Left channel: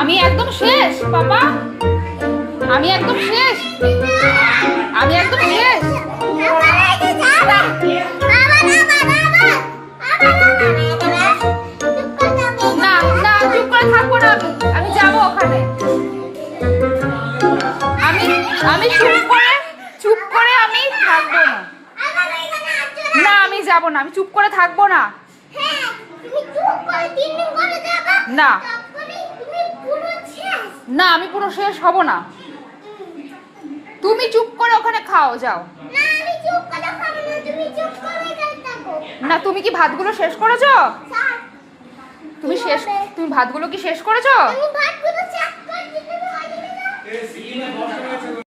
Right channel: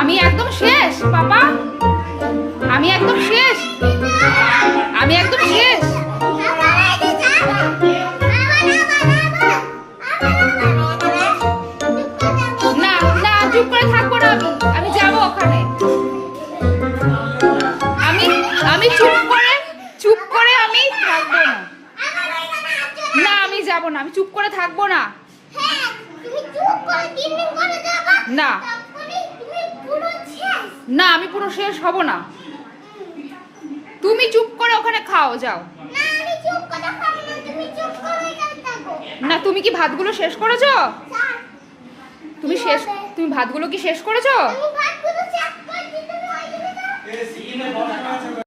আমি একদম শেষ বাবা, আমি একদম শেষ, আমি একদম শেষ। না না, চুপ করে থাকবো না, আমি যাবো ওখানে। আমি আমি চুপ করে আমি থাকবো না। না আমি যাবো না, আমি চুপ করে থাকবো না। না না, আমি পুরো শেষ হব না। তুমি চুপ করে ওখানে খাও, যাও। না, তুমি কি ভাতগুলো শেষ করেছো? তুমি ভাতগুলো কি শেষ করেছো?